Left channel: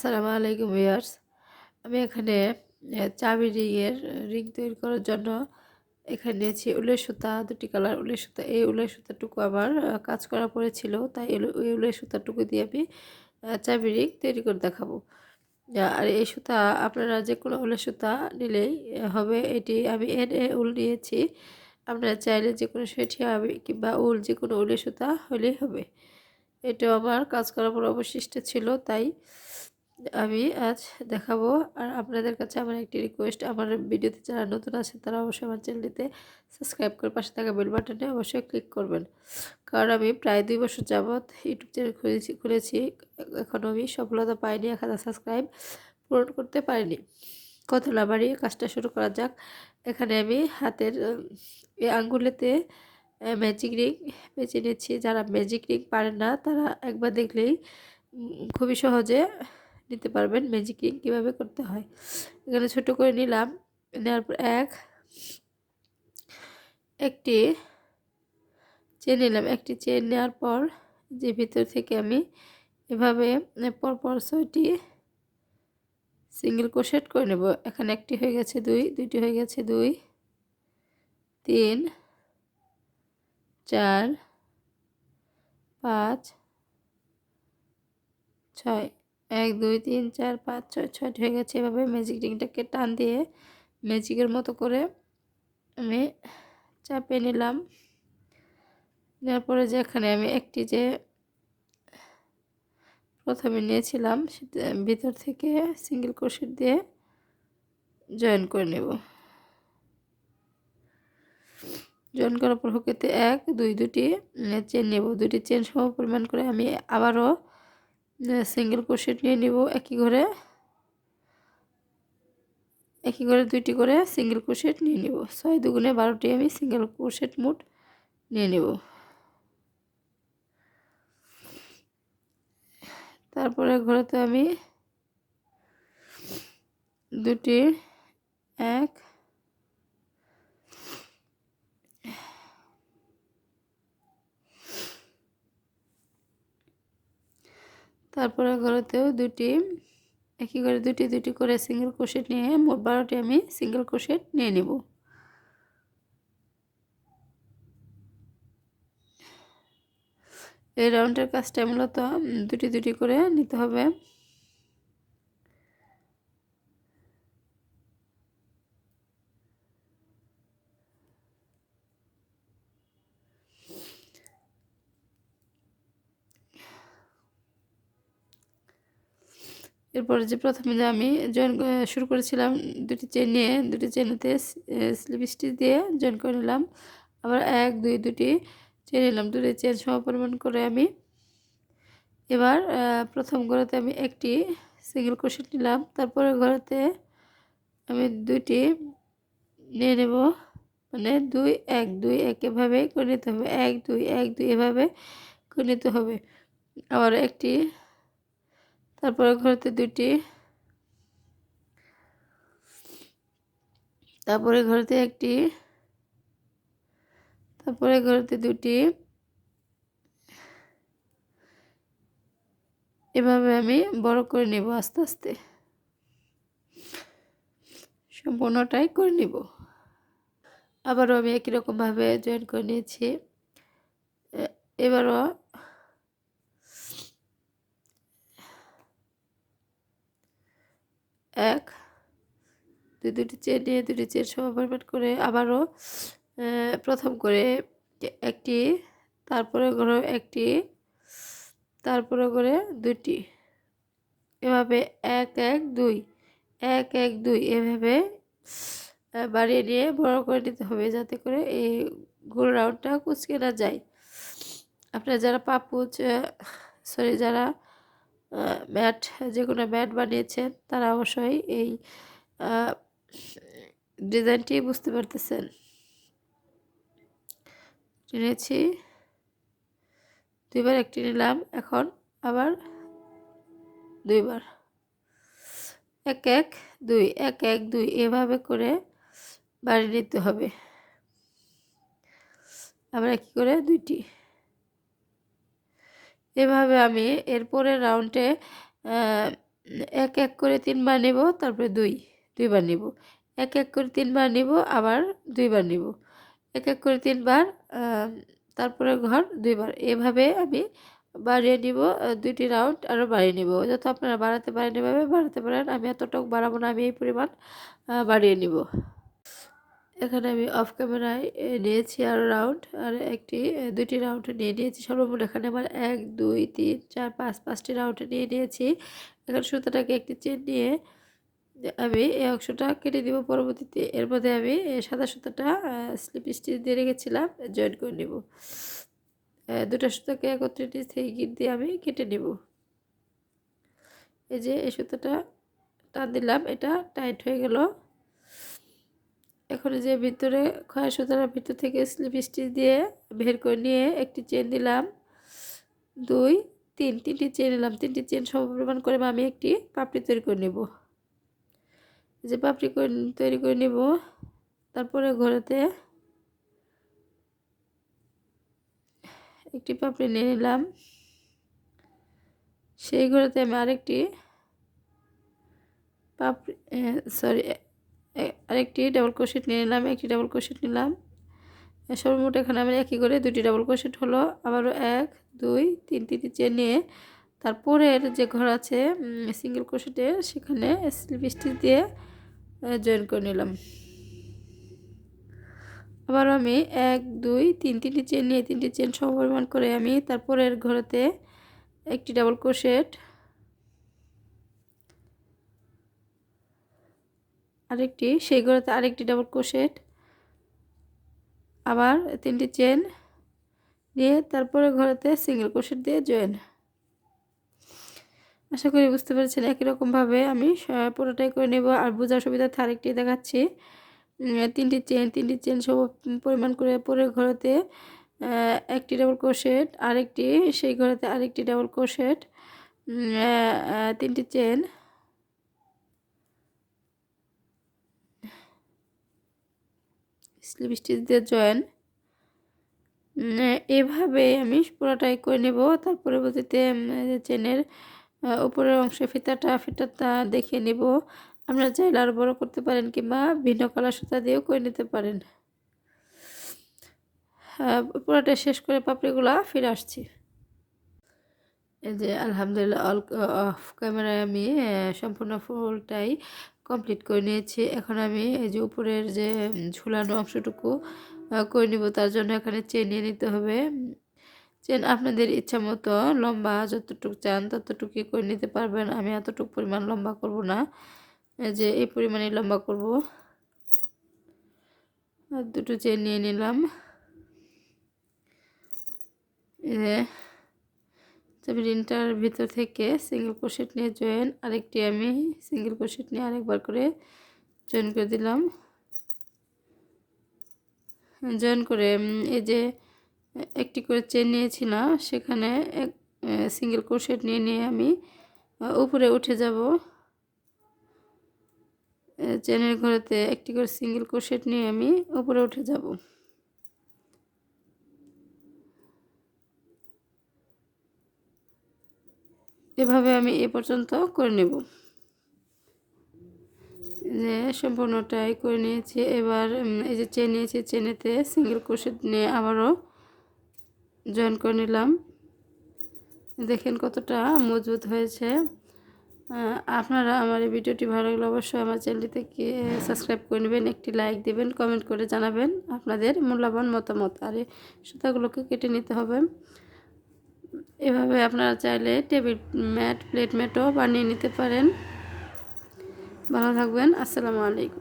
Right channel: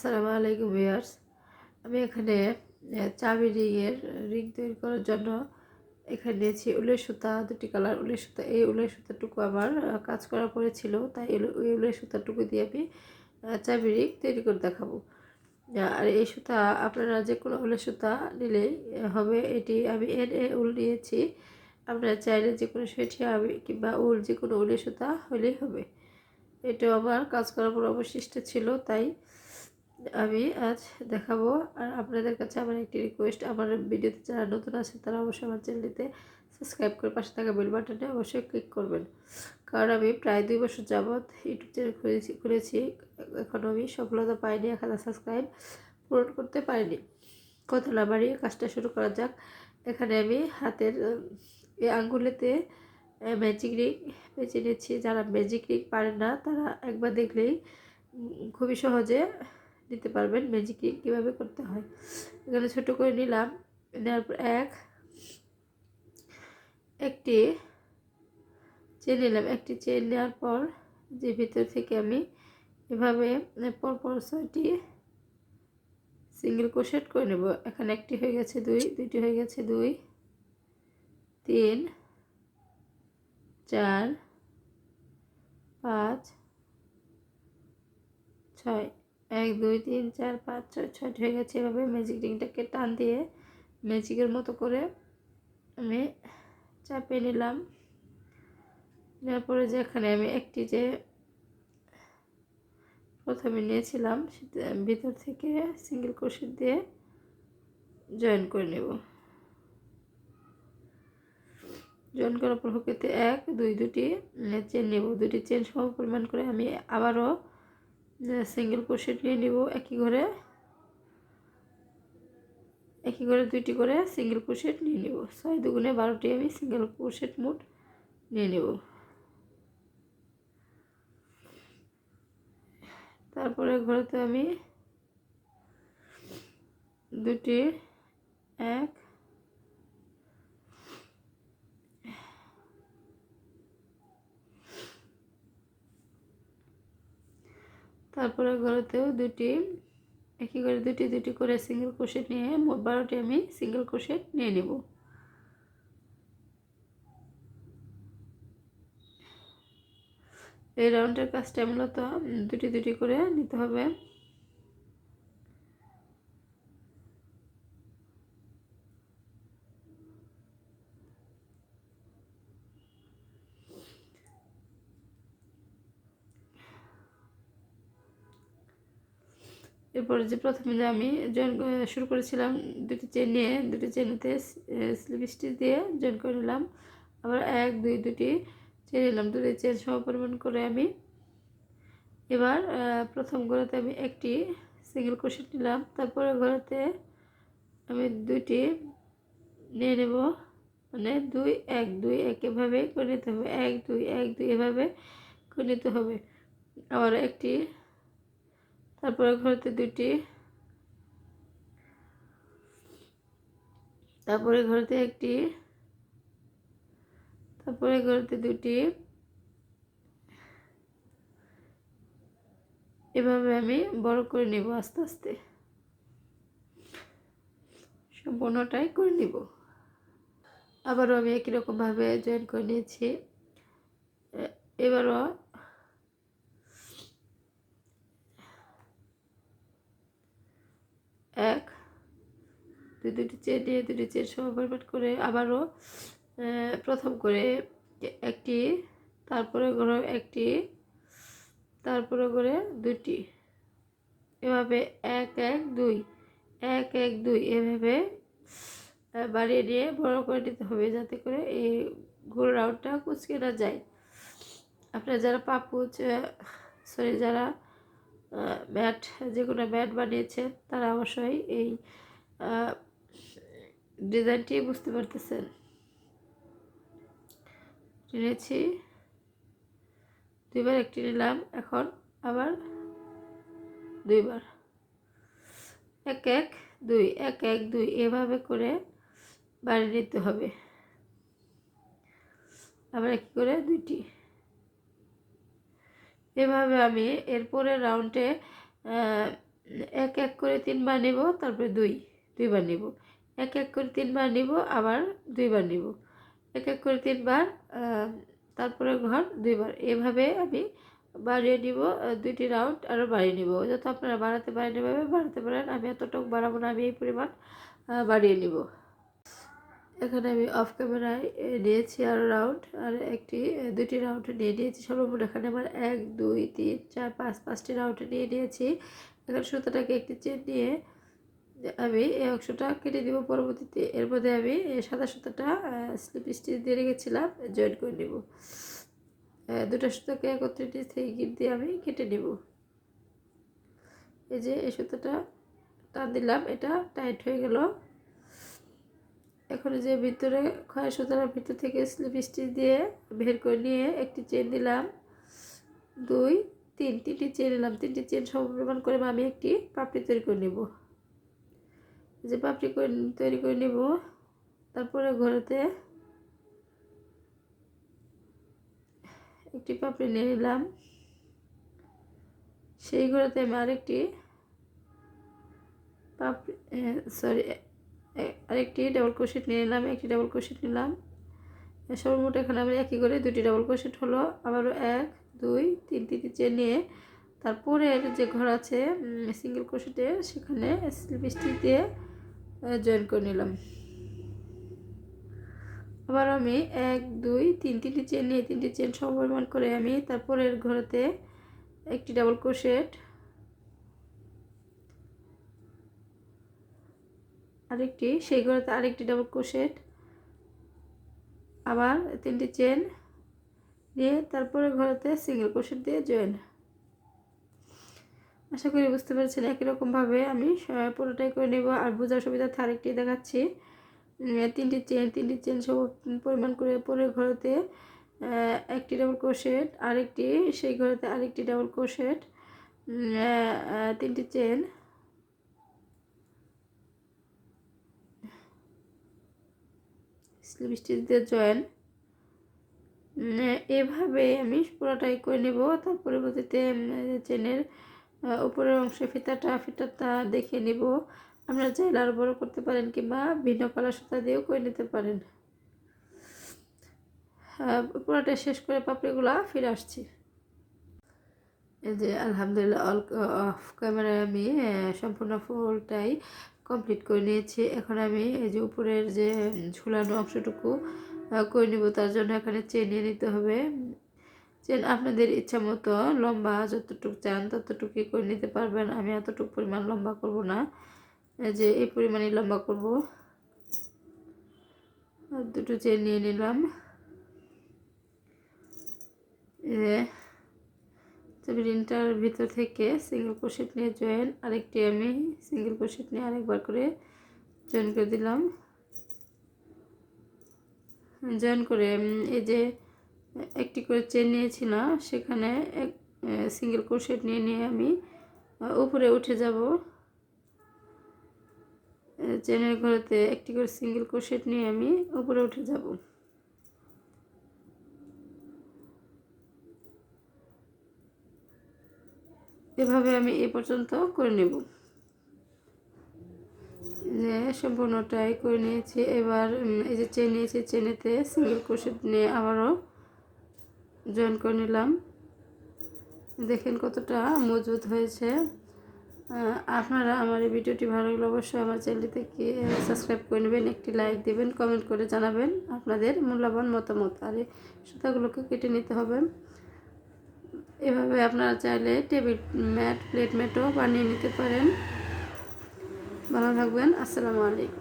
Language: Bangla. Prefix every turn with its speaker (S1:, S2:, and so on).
S1: আসসালামু আলাইকুম ভিউয়ার্স। আমি এখানে চাবি রিংয়ের রিং তৈরি করার জন্য এখানে নিয়েছি উলের সুতা, দুটি কালার উলের সুতা। এই উলের সুতাটুকু আমার কাজ করা পড়েছিল, তাই এই উলের সুতাটুকু দিয়ে আমি চাবি রিং তৈরি করে দেখাবো। আর এই সুতা আপনারা যে কোনো উলের সুতা নিলেই হবে এটি আমি এন এ উল নিয়েছি। আপনারা চাইলে যে কোনো সেটি হবে কিংবা উল যে কোনো উলের সুতা হলেই হবে। এটা আমার কাজ করার পর অবশিষ্ট ছিল, তাই আমি আজ দেখাবো। আর আপনাদের কাছে আমার একটি রিকোয়েস্ট আমার ভিডিওতে যারা নতুন আছে, তারা অবশ্যই আমার চ্যানেলটিতে সাবস্ক্রাইব করে পাশে থাকা বেল বাটনে অবশ্যই ক্লিক করবেন। কারণ আমি প্রায় দুই বছর যাবৎ ইউটিউব চ্যানেল খুলেছি খুলেছি। এখনও আমি সফলতা পাইনি, এক হাজার সাবস্ক্রাইব পূরণ করতে পারিনি। কত বাড়িয়ে কাজটা শুরু করা যাক। এখানে আমি হাতের আঙ্গুলেতে ম্যাজিক রিং বেছে নিচ্ছি যারা ম্যাজিক রিং পারেন না, তারা একবার দেখলেই খুবই সহজে নিতে পারবেন। ম্যাজিক কীভাবে করতে হয়? এখানে ছোট করে নিলাম। নেওয়ার পর এক, একটি চেন নিলাম। একটি চেন নেওয়ার পর যে ভিতর থেকে আমি এভাবে পরপর ছয়টি সিঙ্গেল ক্রোশেট করে নেব। এখানে একটি হয়ে গেছে দুই, দুইটি হয়ে গেছে দুই, তিন, চার, পাঁচ, ছয়। এক, দুই, তিন, চার, পাঁচ, ছয় ছয়টি হয়ে গেছে। এভাবে ম্যাজিক রিংটাকে টান দিয়ে ম্যাজিকের মতো করে আমি চাপিয়ে নিলাম। নেওয়ার পরে যে এখানে আমি একটি যে প্রথমে নিয়েছিলাম, সেটা ভিতর থেকে সিঙ্গেল ক্রোশেট দিয়ে জয়েন করে নেব। জয়েন করার পর হুকেতে এক, দুই, দুটি চেন নেব। দুটি চেন সম পরিমাণ করে আমি আবারও সিঙ্গেল ক্রোশেট নিয়ে নিব, একই ঘরে। একই ঘরে দুইটি করে সিঙ্গেল ক্রোশেট নিয়ে নিব। ছয় দুগুণে বারোটি আমি সিঙ্গেল ক্রোশেট মোট নিয়ে নেব। তারপরে ঘরেতে আমি দুটি, এক তারপরে ঘরেতেও দুটি, একই করে দুটি দুটি করে সিঙ্গেল ক্রোশেট নিয়ে মোট বারোটি আমি সিঙ্গেল ক্রোশেট নিয়ে নেব। এই রাউন্ডের কাজটা মূলত দুটি দুটি করে নিতে হবে। এরপরে যে প্রথমে যে আমি জয়েন শুরু করেছিলাম, দুটি চেন নিয়ে, দুটি চেনেতে স্লিপ স্টিচ দিয়ে জয়েন করে নিলাম। আবার এক, দুই, দুটি চেন নিলাম। দুটি চেন সম পরিমাণ করে আমি এবার প্রথম ঘরেতে আমি একটি সিঙ্গেল ক্রোশেট নিলাম। তারপরে ঘরেতে আমি দুটি নিয়ে নেব। মানে দুই, এক দুই এক এভাবে করে নিতে হবে। এক, দুই এক, দুই এভাবে করে নিতে হবে। আবার একটি তারপরে ঘরেতে দুটি তারপরে ঘরেতে একটি। তারপরে ঘরেতে দুটি এভাবে আমি বড় করে নেব আস্তে আস্তে। সম্পূর্ণটাই করে নিব। আবারও আমি একই রকমভাবে জয়েন করে নিয়েছি। এবারও এক, দুই দুটি চেন নিয়ে দুটি চেন সমাপরিমাণ করে আবারও প্রথম করে একটি, তারপরে করে একটি, তারপরে করে দুটি এভাবে এক এক, দুই, এক এক, দুই এভাবে বাড়িয়ে নিয়ে বড় করে নিতে হবে যাতে করে এই গোল রাউন্ডটা কুচকে না যায়। আপনারা যারা পাপুচ সরি, যারা ম্যাট যে কোনো ম্যাট বানিয়েছেন তারা অবশ্যই এই ডিজাইনটি বুঝতে পারতেছেন। নিয়েছি দুইবার একটি নিলাম, এখন আবার দুইবার। এক এক, দুই, এক এক, দুই, এভাবে করে বাড়ি নিতে হবে। আবার একই করে দুইটি। এভাবে আমি এরপরে রাউন্ডে এক এক করে তিনবার নেব, তারপরে দুই, দুইবার নেব। এক এক করে তিনবার নেব, আবার দুইবার নেব। এক এক করে তিনবার তারপরে ঘর দুইবার। এভাবে আমি বাড়িয়ে নিব দুইটি রাউন্ড আরও বাড়িয়ে নিব। যত আপনারা বাড়াতে পারেন এভাবে, বাড়াতে পারেন। আমি এতটুকু বাড়াবো না, আমি এই পরিমাণ বাড়িয়ে নিব। এখানে আমি অফ ক্যামেরায় নিয়েছি আর রাউন্ড আর একটি এ, দুইটি রাউন্ড নিয়ে নিয়েছি। সর্বমোট এখানে আমার এক দুই তিন চার পাঁচ পাঁচটি রাউন্ড নিয়ে নিয়েছি। এখানে সুতাটাকে একটি চেন নিয়ে আমি এই অংশটা কেটে দিব পরবর্তীতে। এর মধ্যে আমি সাদা সুতাটা স্লিপ স্টিচ দিয়ে রেখেছিলাম জয়েন করে নেব। দুটো সুতাকে একত্রে নিচ থেকে গিট দিয়ে আমি কেটে নেব। এই যে এই সুতাটা টান দিলাম এটা টাইট হয়ে গেল। এখন যে ভিতরে খয়া সুতার ভিতর থেকে স্লিপ স্টিচ দিয়ে বের করে নিয়ে একটি চেন দিলাম দুই, তিন, তিনটি চেন নিলাম। তিনটি চেন সমপরিমাণ করে আমি একটি পাপড়ি তৈরি করে নেব। যে পাপড়ি তৈরি করে নেব। তারপরে ঘরেতে একটি পাপড়ি নিয়ে নিলাম। সেই ঘরেতে আমি আরেকটি পাপড়ি সরি আরেকটি ডাবল ক্রোশেট নিয়ে নিলাম, একটি ডাবল ক্রোশেট নিলাম। সর্বমোট এখানে আমার একই করে দুটি ডাবল ক্রোশেট হলো, আবারও এক, দুই, তিন, তিনটি চেন নিয়ে তারপরের যে ঘর আছে সিঙ্গেল ক্রোশেটের সেখানে স্লিপ স্টিচ দিয়ে জয়েন করে নিলাম। আবার আমি এক, দুই, তিন, তিনটি চেন নিয়ে, তিনটি চেন সমপরিমাণ করে আমি তারপরের ঘরেতে একটি ডাবল ক্রোশেট আরেকটি, সেই ঘরেতে আরেকটি ডাবল ক্রোশেট আবার তিনটি চেন দিয়ে তারপরে ঘরেতে সিঙ্গেল ক্রোশেট দিয়ে জয়েন আশা করি বুঝতে পেরেছেন, একই রকমভাবে আমি পুরোটাই করে নেব। আর বোঝার সুবিধার্থে আরেকটি দেখাচ্ছি। তিনটি চেন তিনটি চেন সব পরিমাণ করে পরে ঘরেতে একটি ডাবল ক্রোশেট আরেকটি, সেই ঘরেতে আরেকটি ডাবল ক্রোশেট তিনটি চেন স্লিপ জয়েন। এভাবে আমি পুরোটাই করে নেব। তার পরবর্তীতে চেনের উপরের অংশে ফিতাটা ফিতাটা দেখে নেব। আপনারা চাইলে আরও বড়ো করতে পারেন কিংবা ভিন্ন কালার সুতা দিয়েও করে নিতে পারেন। পুরোটা শেষ করে পাপড়িগুলো ফিরে আসছি। এই যে, আলহামদুলিল্লাহ অল অফ ক্যামেরায় আমি সম্পূর্ণ ফুলটাই কমপ্লিট করে নিয়েছি। এখন আমি এই যে উপরের যে ঝুলানো অংশটুকু করে নিব। তার জন্য এখানে চেন নিয়ে নিতে হবে। চেন আপনাদের ইচ্ছা মতো লম্বা যতটুকু চান ততটুকুই করে নিতে পারবেন। আমি এতটুকু পরিমাণ লম্বা করব না। যে এই পরিমাণে লম্বা করব। আর দুটো চেন নিয়ে নিলাম। এই যে চাবিরিনটার ভিতর থেকে সিঙ্গেল ক্রোশেট নিয়ে জয়েন আরেকটি আমি সিঙ্গেল ক্রোশেট নিয়ে আরেকবার করে জয়েন করে দিলাম। জয়েন করে এই যে, একটি করে চেন নিয়েছি না, সেখানে এক সিঙ্গেল ক্রোশেট নিয়ে নিয়ে আমি উপরে উঠে যাব। চেনের ঘরেতে একটি করে সিঙ্গেল ক্রোশেট নিয়ে আমি উপরে উঠে যাব। এভাবে আমি এ পর্যন্ত করে নেব। যে সম্পূর্ণটাই করে নিয়েছি। এবার এই যে চেন নিয়েছি, চেনেতে সিঙ্গেল ক্রোশেট নিয়ে আবারও জয়েন করে নিলাম। দেখেন কতটা মজবুত হয়েছে। আপনারা আমার এই ভিডিওটি ভালো লাগলে অবশ্যই আমার চ্যানেলটিকে সাবস্ক্রাইব করে নেবেন, একটি লাইক দেবেন কমেন্ট করে জানাবেন আপনাদের মূল্যবান মতামত। আর এই সুতাগুলোকে কেটে নিতে হবে। এভাবে আপনারা চাইলে টেবিল ম্যাট প্লেট ম্যাটও বানিয়ে নিতে পারেন। ভালো থাকবেন আসসালামু আলাইকুম।